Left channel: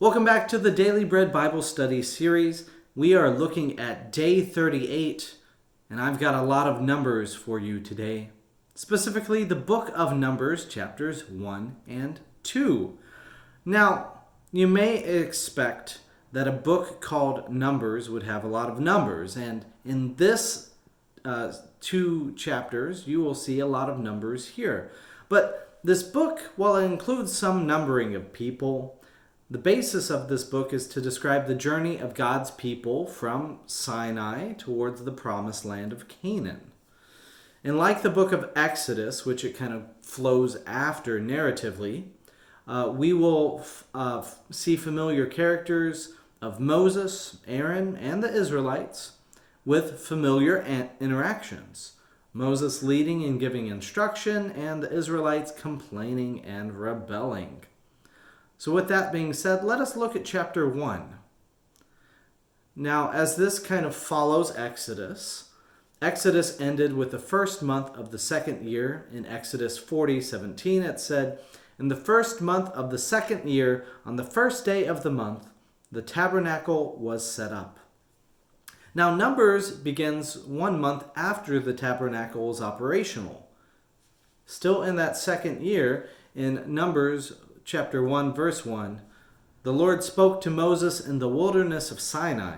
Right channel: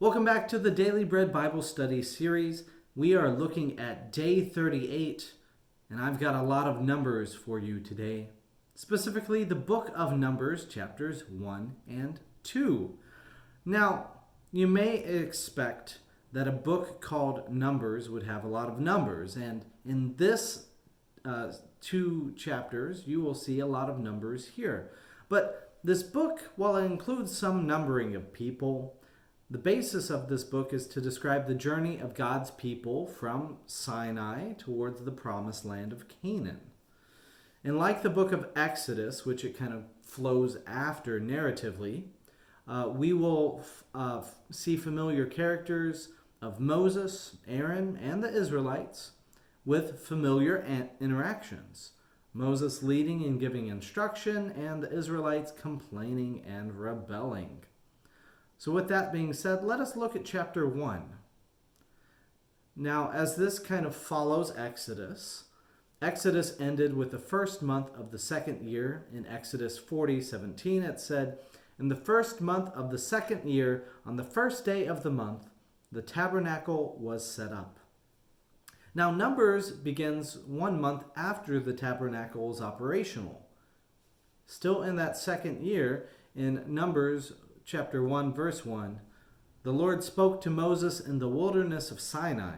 Welcome back to the Daily Bread Bible Study series. We are looking at day 38, and I've got a lot of numbers for you today. Specifically, the book of Numbers, chapters 1 and 2. Now, you may expect that a book called Numbers would have a lot of numbers, and in this two chapters, you will see a lot of numbers here. But this book, while it includes some numbering of people, the basis of this book is to describe the journey of God's people from Sinai towards the promised land of Canaan. And like the book of Exodus, which it kind of flows after narratively, we will see familiar characters of Moses, Aaron, and the Israelites with familiar interactions. Moses leading and giving instruction, and the Israelites complaining and rebelling. So with that being said, let us look at chapter 1. Now, as this kind of follows Exodus ended with the first month of the second year. In Exodus 40:17, it said, "In the first month of the second year, on the first day of the month, the tabernacle was set up." Now, Numbers begins 1 month after the tabernacle is operational. Still in that second year, in Numbers chapter 1, verse 1, "The Lord spoke to Moses in the wilderness of Sinai,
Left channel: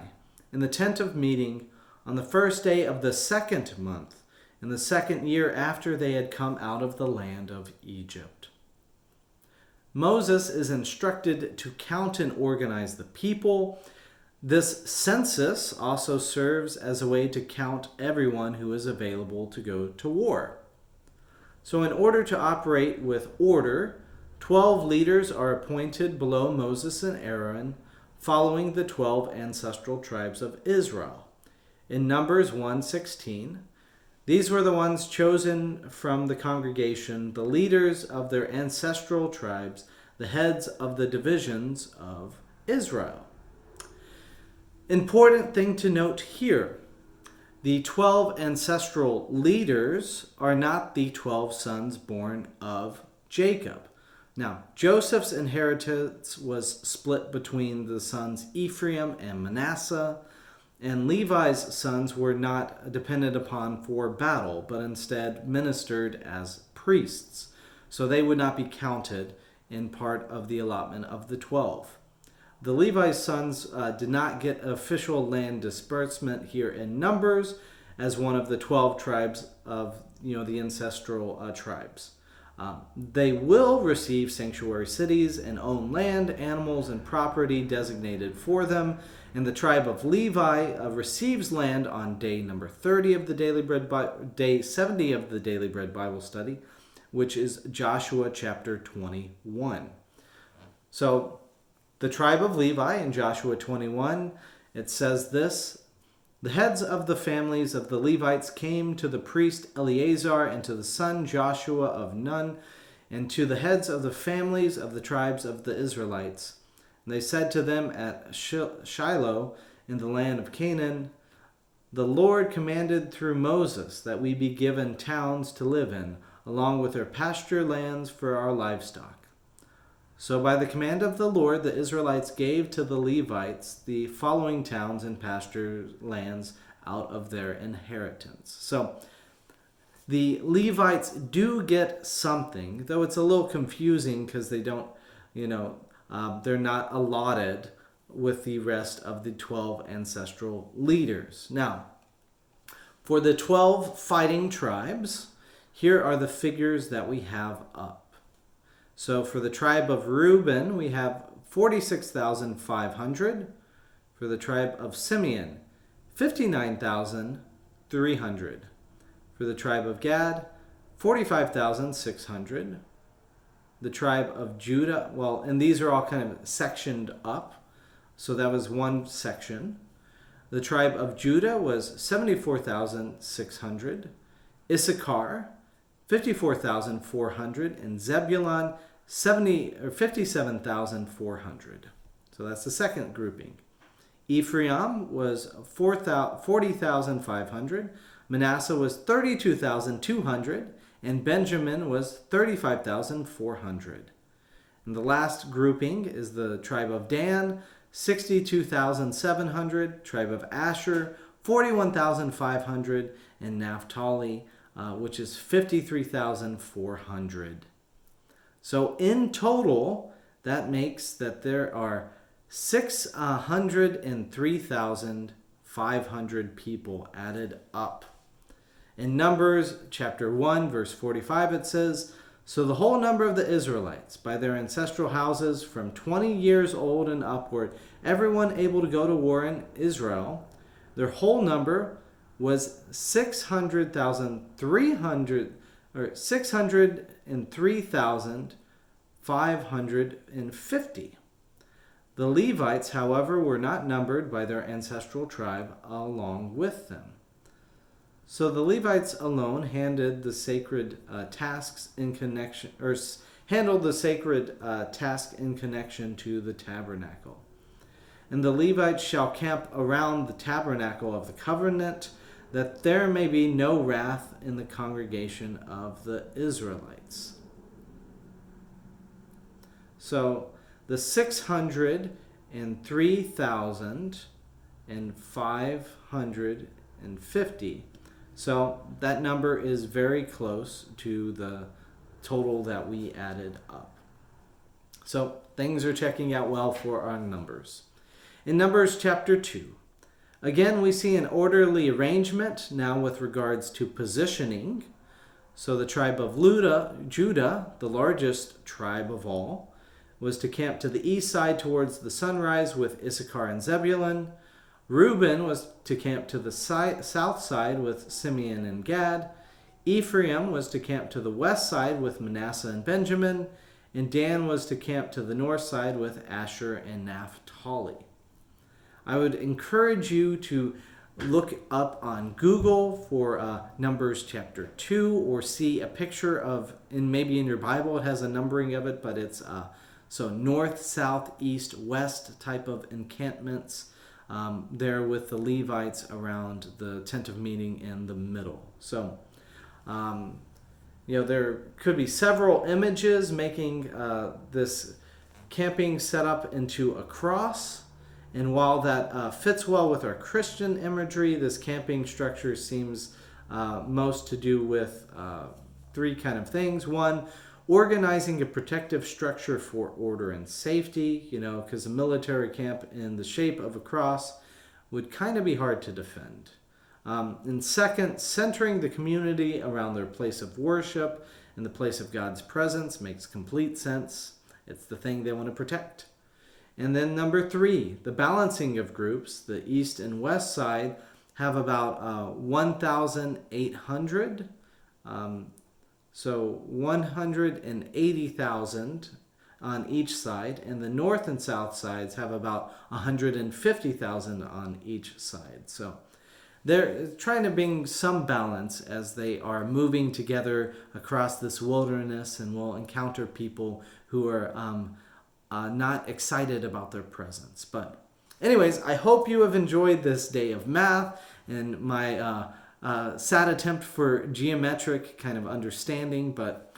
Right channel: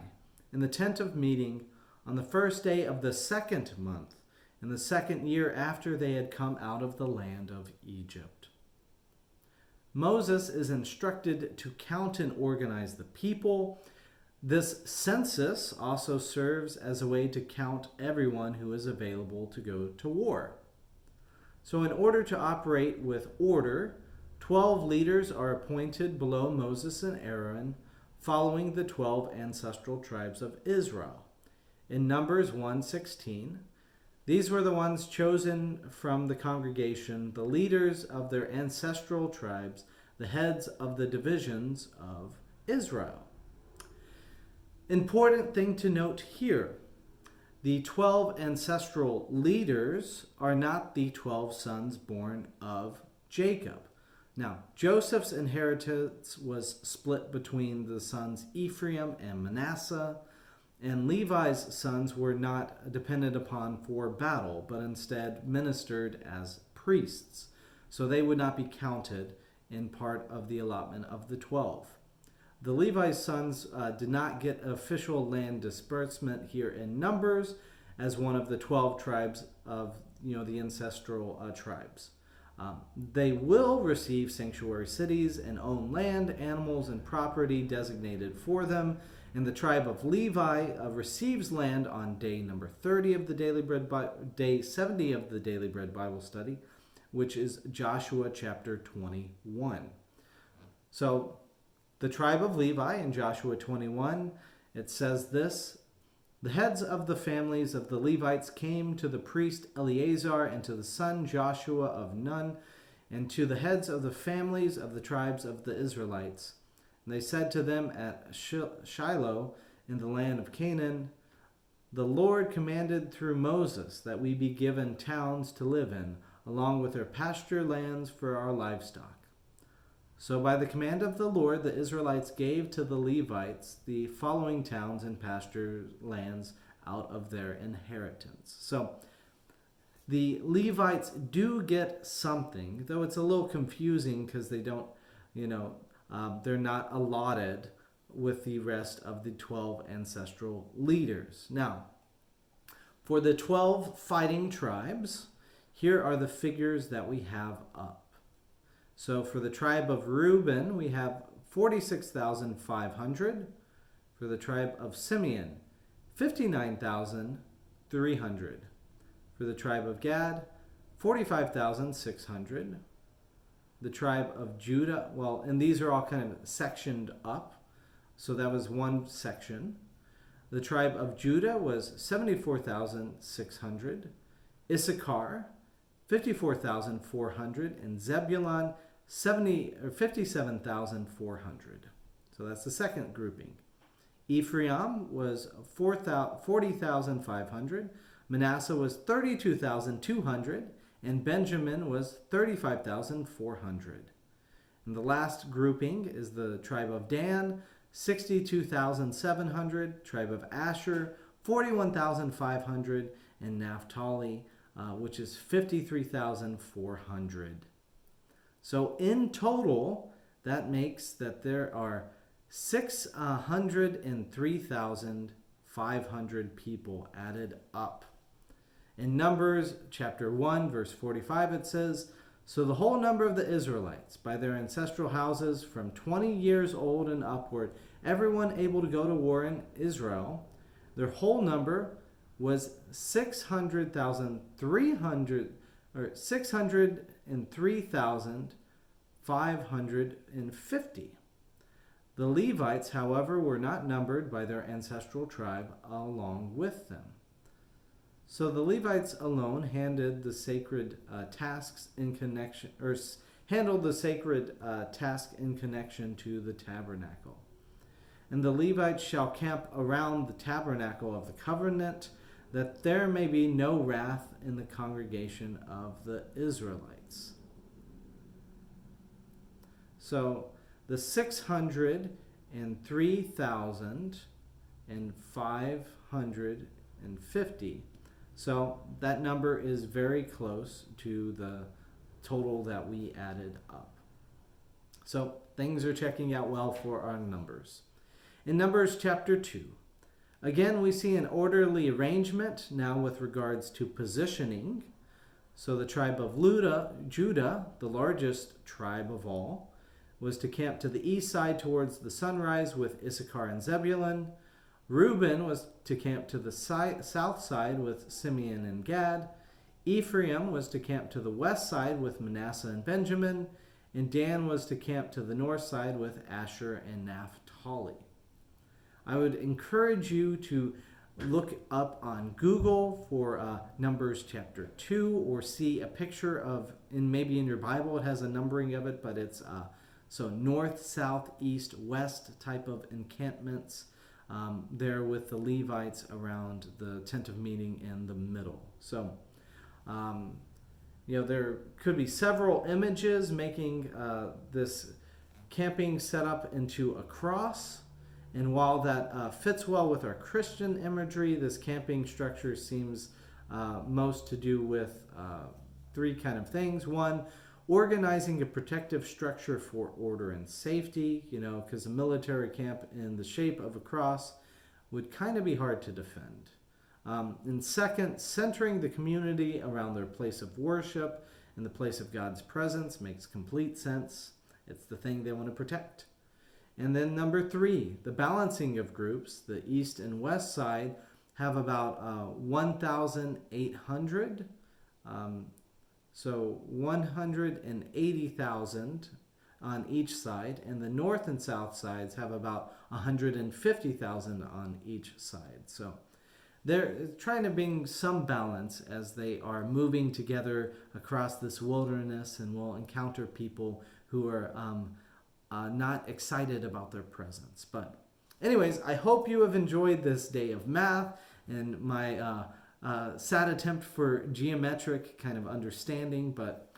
in the tent of meeting, on the first day of the second month, in the second year after they had come out of the land of Egypt." Moses is instructed to count and organize the people. This census also serves as a way to count everyone who is available to go to war. So in order to operate with order, 12 leaders are appointed below Moses and Aaron, following the 12 ancestral tribes of Israel. In Numbers 1:16, these were the ones chosen from the congregation, the leaders of their ancestral tribes, the heads of the divisions of Israel. Important thing to note here, the 12 ancestral leaders are not the 12 sons born of Jacob. Now, Joseph's inheritance was split between the sons Ephraim and Manasseh, and Levi's sons were not dependent upon for battle, but instead ministered as priests. So they would not be counted in part of the allotment of the 12. The Levi's sons did not get official land disbursement here in Numbers as one of the 12 tribes of the ancestral tribes. They will receive sanctuary cities and own land, animals, and property designated for them. And the tribe of Levi receives land on day number 30 of the day 70 of the Daily Bread Bible Study, which is Joshua chapter 21. So the tribe of Levi in Joshua 21, it says this: "The heads of the families of the Levites came to the priest Eleazar and to the son Joshua of Nun, and to the heads of the families of the tribes of the Israelites. And they said to them at Shiloh in the land of Canaan, 'The Lord commanded through Moses that we be given towns to live in, along with their pasture lands for our livestock.' So by the command of the Lord, the Israelites gave to the Levites the following towns and pasture lands out of their inheritance." So the Levites do get something, though it's a little confusing because they don't, they're not allotted with the rest of the 12 ancestral leaders. Now, for the 12 fighting tribes, here are the figures that we have up. So for the tribe of Reuben, we have 46,500. For the tribe of Simeon, 59,300. For the tribe of Gad, 45,600. The tribe of Judah, and these are all kind of sectioned up. So that was one section. The tribe of Judah was 74,600. Issachar, 54,400, and Zebulun 57,400. So that's the second grouping. Ephraim was 40,500. Manasseh was 32,200, and Benjamin was 35,400. And the last grouping is the tribe of Dan, 62,700, tribe of Asher, 41,500, and Naphtali, which is 53,400. So in total, that makes that there are 603,500 people added up. In Numbers chapter 1, verse 45, it says, "So the whole number of the Israelites, by their ancestral houses, from 20 years old and upward, everyone able to go to war in Israel, their whole number was 603,550. The Levites, however, were not numbered by their ancestral tribe along with them." So the Levites alone handled the sacred tasks in connection to the tabernacle. "And the Levites shall camp around the tabernacle of the covenant, that there may be no wrath in the congregation of the Israelites." So the 603,550. So that number is very close to the total that we added up. So things are checking out well for our numbers. In Numbers chapter 2, again we see an orderly arrangement now with regards to positioning. So the tribe of Judah, the largest tribe of all, was to camp to the east side towards the sunrise with Issachar and Zebulun. Reuben was to camp to the south side with Simeon and Gad. Ephraim was to camp to the west side with Manasseh and Benjamin. And Dan was to camp to the north side with Asher and Naphtali. I would encourage you to look up on Google for Numbers chapter 2, or see a picture of, and maybe in your Bible it has a numbering of it, but it's so north, south, east, west type of encampments there with the Levites around the tent of meeting in the middle. So, there could be several images making this camping setup into a cross. And while that fits well with our Christian imagery, this camping structure seems most to do with three kind of things. One, organizing a protective structure for order and safety, because a military camp in the shape of a cross would kind of be hard to defend. And second, centering the community around their place of worship and the place of God's presence makes complete sense. It's the thing they want to protect. And then number 3, the balancing of groups. The east and west side have about 1,800. So 180,000 on each side. And the north and south sides have about 150,000 on each side. So they're trying to bring some balance as they are moving together across this wilderness, and will encounter people who are not excited about their presence. But anyways, I hope you have enjoyed this day of math and my sad attempt for geometric kind of understanding, but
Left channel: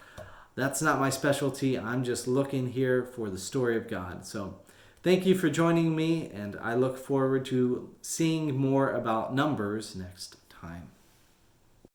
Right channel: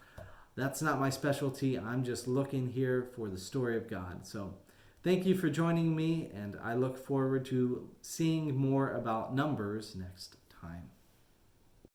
that's not my specialty. I'm just looking here for the story of God. So thank you for joining me, and I look forward to seeing more about Numbers next time.